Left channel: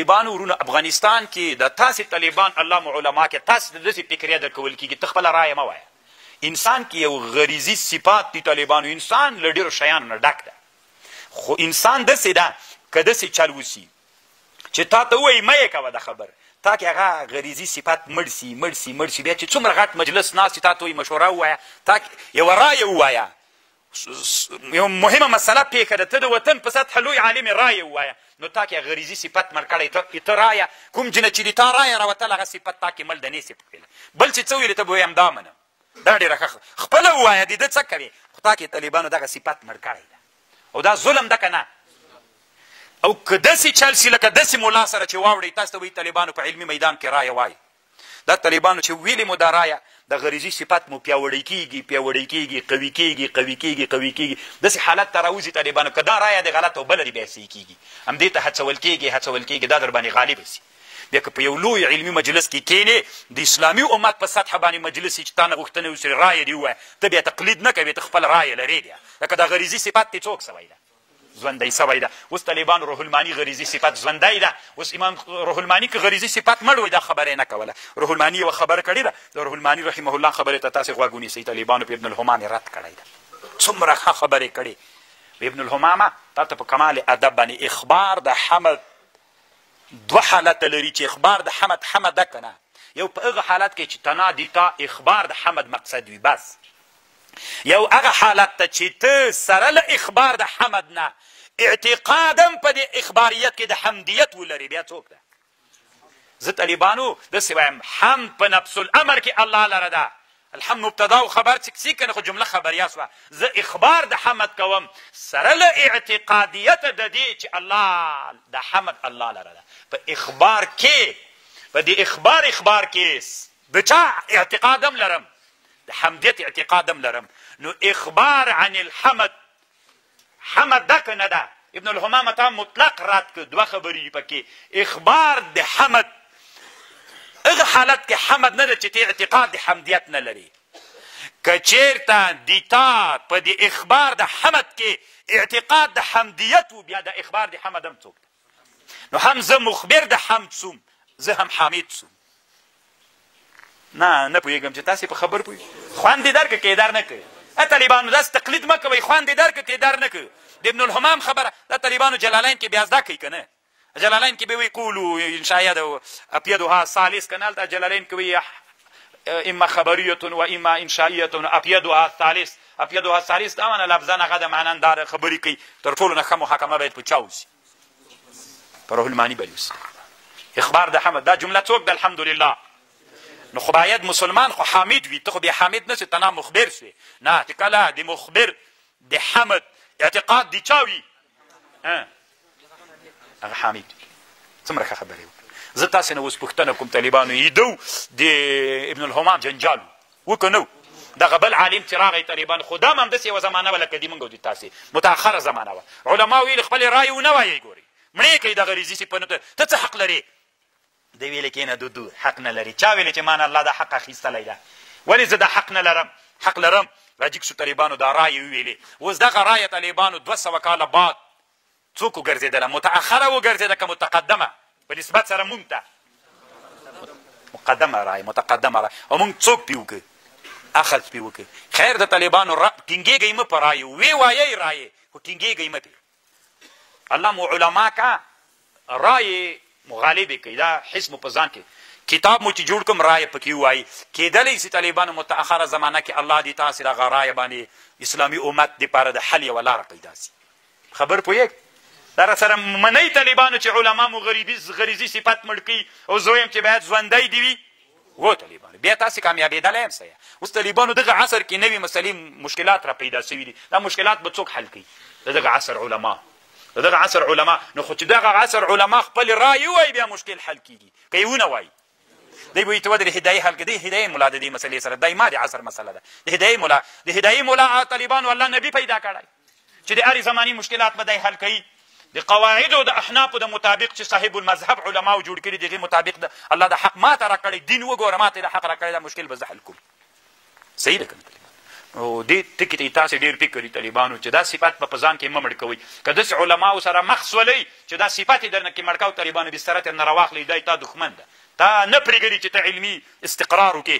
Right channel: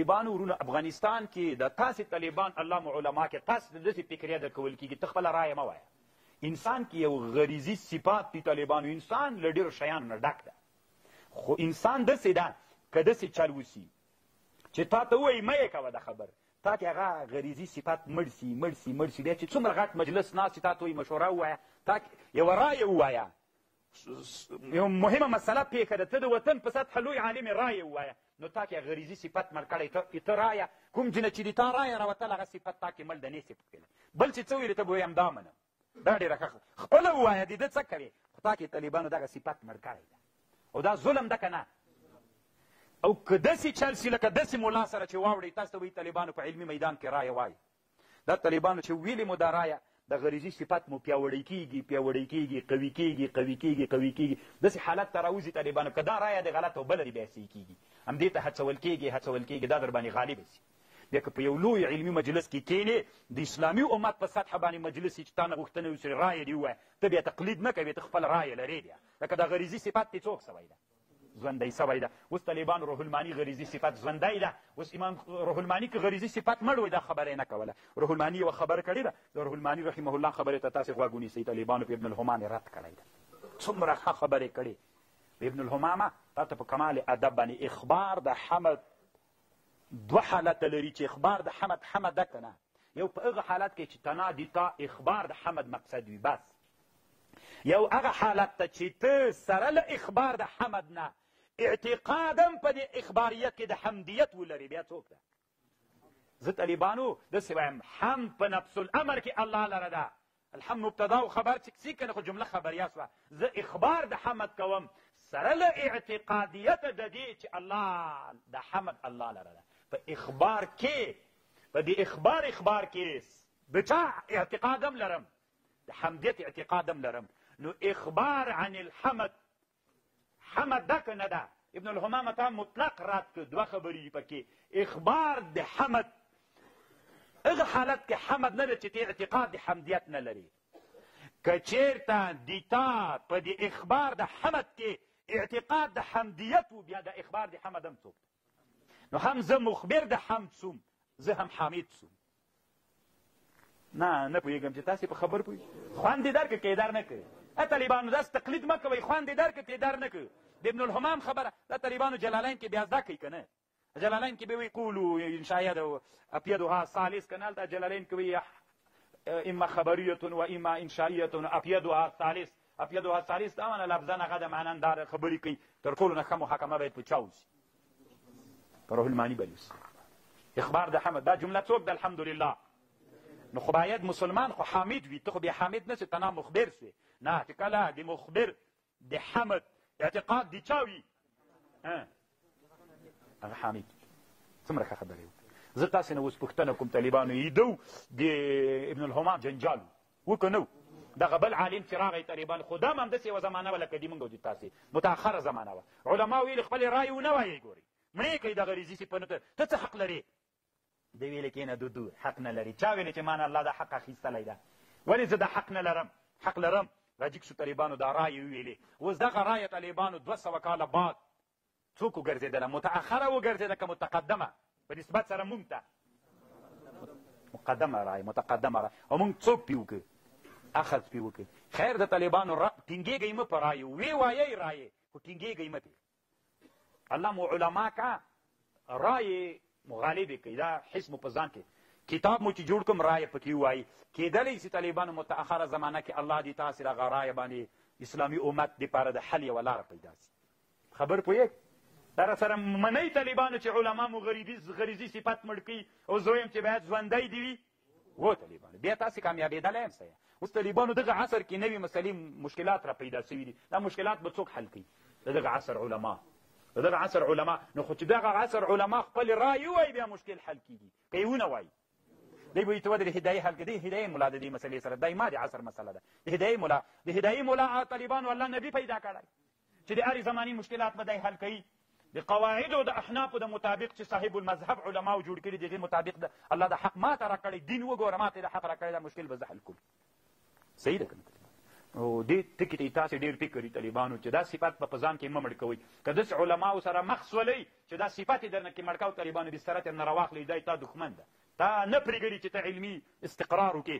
طالبانو ورونو افغانستان کې د تاسې طالبان الله مو علما کې تاسې د داسې فکریه درکول کېږي ته خپله رایه مه وایه. انسان کې یو غریزي صفات دي طالبانو. انسان له ډېرو شیانو نه ډک ده، خو انسان داسې ده که داسې چل وسي چې تا ته ووایي مه یې کوه د خبر تا کې هغه غریزي صفات مړ سي بیا چې څومره غټ مجلس ناست تا ته وایي مشوره ووایه، تا یوه رایه ووایه، یو مهمه مسله پیښه ده، ته د وطن په سطحه لوی عالم رایه ووایه، نو تا کې غریزي صفت مړ کړی ته رایه کوم جنه چې د تا رایه راوتل هغه صفت تا کې مړ د نه صفت بل چې څه ویلې ته به ویم دا منم، دا ډېره ښه خپله ووایه د ده څه کوې، خو تا کې طالبانو دغه صفت مړ کړی ده او دا ظلم ده که نه. او که داسې چل سي لکه داسې ملا سره چې واوړئ تاسو ته وایي طالبانو په علمي میدان کې رایه وایي، دا طالبانو چې ویلې مو دا رایه د غریزي صفت مو پیاوړی کېږي قوي کېږي داسې حالت ته راوځي طالبانو که دا رایه د غلط او بله د بیا صحیح کېږي همدې ته هڅول کېږي دا در باندې غالبه سي. بیا که په یو لوی علمي مجلس کې کښېنې د اسلامي امت په سطحه باندې مجلس چې تا نه غوښتنه وسي رایه دې ووایه ته بیا تقلید نه کوې ته خپل رایه لرې بیا لکه دا غریزي صفت دې څوک سوی ده ژوندی سوی ده. اوس طالبانو روح الماني غریزي صفت ژوندی ده، اوس امام روح الماني که غریزي صفت مړ وی دا خبره یې نه کوله. روح الماني یوه خبره کړې ده د روح الماني رحمه الله خبرې ته تاسې غوږ ونیسئ. طالبانو په ابن الهمام یې رد کړی ده، څومره ښه خبرې کړې. ابن الهمامه تا ته په کمال ادب باندې اخبار د حمد دوه حالته لري چې اخبار د حمد ده که نه، یو په هغه حالت کې چې تنادي تا اخبار د حمد مقصد وي بس، یو هغه حالت ته چې ته سره له اخبار د حمد نه اعتقادم په دې اخباریت کې د حمدیت ولري بیا څوک ده. زه طالبانو داسې وایم حمد په نفس الامر کې الله لره ده، الحمد مبتدا و خبر چې کنه خو جمله خبریه سوه، زه اخبار د حمد کوم سره له اعتقادیت د دې چې الله د حمد الله لره ده. په اخبار کې په دې اخبار کې د چا اعتقادم لرم د حمدیت اعتقادم لرم، نو اخبار عن الحمد حمد ده که نه ده. ابن الهمام تا مطلق رد که دوه خبرې پکې اخبار د حمد هغه حالت کې حمد نه ده چې ته اعتقاد د حمدیت نه لري. که چېرته د تا په د اخبار د حمد کې اعتقاد د حمدیت و بیا د اخبار د حمد هم څوک ده، نو هم زه مخبر د حمد سوم زه هم حامد سوم. نه پوهېږم چې تاسې په خبر پوهېږئ خوند دې درکړه که یې در نه کوئ. طالبانو داسې تقلید مه کوئ خوند دې درکړه که یې در نه کوئ. د ابن الهمام خبره دا طالبانو جلالین کې بیا زده کوي که نه، جلالین کې به وایي قولو انشاید اپیدها ثالث که نه هلته جلالین کې وایي اما خبریة و اما انشائیة اپیدها ثالث. اپیدها ثالث دا معنه لفظا هغه د معننداره خبرې کوي تر ټولو نه ښه محاکمه باید په چا وسي په روح الماني باندې وسي. اخبار د حمد دا جمله څوک ده الحمدلله، نو خو باید مسلمان خو حامد وي، ته خو بیا حامد نسې ته نه مخبر سوې، نه چې کله د مخبر د حمد اعتقاد د چا وي هغه حامد وي. څومره ښه خبرې وکړه. زه تاسې نه اوس پوښتنه کوم طالبانو ایدو د ابن الهمام جنجال و که نه دغه بل عالم چې راغی طالبانو خو دا هم همداسې یوه زمانه وه لکه د موږ او د تاسې متأخره زمانه وه، علما ویل خپلې رایې ونه وایئ ګورئ مړې کوي دغه ریزي صفتونو ته څه حق لرې دی ویلې کې نه دودو حق نه لري. چا ویلې چې ما نه الله دا حق اخیستلی ده، ولې زه دا حق نه لرم حق لرم. راجګ شو طالبانو دا رایې وویلې، اوس دغه رایه طالبانو 200 کاله بعد څوک وګرځېدله متأخره وګرځېده که متقدمه په نسبت سره مونږ ته مقدمه رایه متقدمه رایه او مونږ څوک پې وکړو اخذ پې وکړو. خیر د طالبانو ټینګېږئ مه په رایو وی وایئ رایې خو ټینګېږئ مه پې. الله مو علما که رایې مغالبې کوي دا حس مو په ځان کې کتاب مو چې جوړ کوم رایه پکې ووایي کېدلی سي طالبانو متأخره زمانه کې الله دې تاسې د هغه رایه باندې اسلامي امت دپاره د حل یوه لاره پیدا سي. خبر پوهېږ دا راسره منئ طالبانو چې علما مو غریزي صفت مړ کوي او زه وایم چې باید ژوندی دې وي و طالبانو بیا تاسې کامیابېدلی یم څه اوس طالبانو دغه عصر کې نوي مسلې مشکلات را پیدا سوي دي دا مشکلات به څوک حل کوي د دغه عصر علما د دغه عصر علما. نو خو چې دغه عصر علما خپل رایې ووایي بیا مشکل حل کېږي که یې ونه وایي دی به وایي ته ودرې هدایي حل کړه دی هدایي ملا د دې مسلې سره دی ما د عصر مسله ده د هدایي ملا طالبانو الله نبي پیدا کړی چې د هرې زماني مشکلات به دی حل کوي د قواعدو د احنافو د مطابق چې صاحب المذهب علماو جوړ کړي د هغې مطابق د الله د حق ما ته را کړی دین وګوره ما ته د حق را کړی دا مشکل به زه حل کوم. صحیح ده که نه او دې ټکي ته تاسې ډېر فکر وي طالبانو چې دا صفت به په ځان کې مه مړ کوئ که داسې علماو سره مخ سولئ چې دا صفت یې درنه کې مړ کوو طالبانو بستره ترې نه راواخلئ دا تا دښمن ده تا نه پرېږدي چې ته علمي استقرار وکړې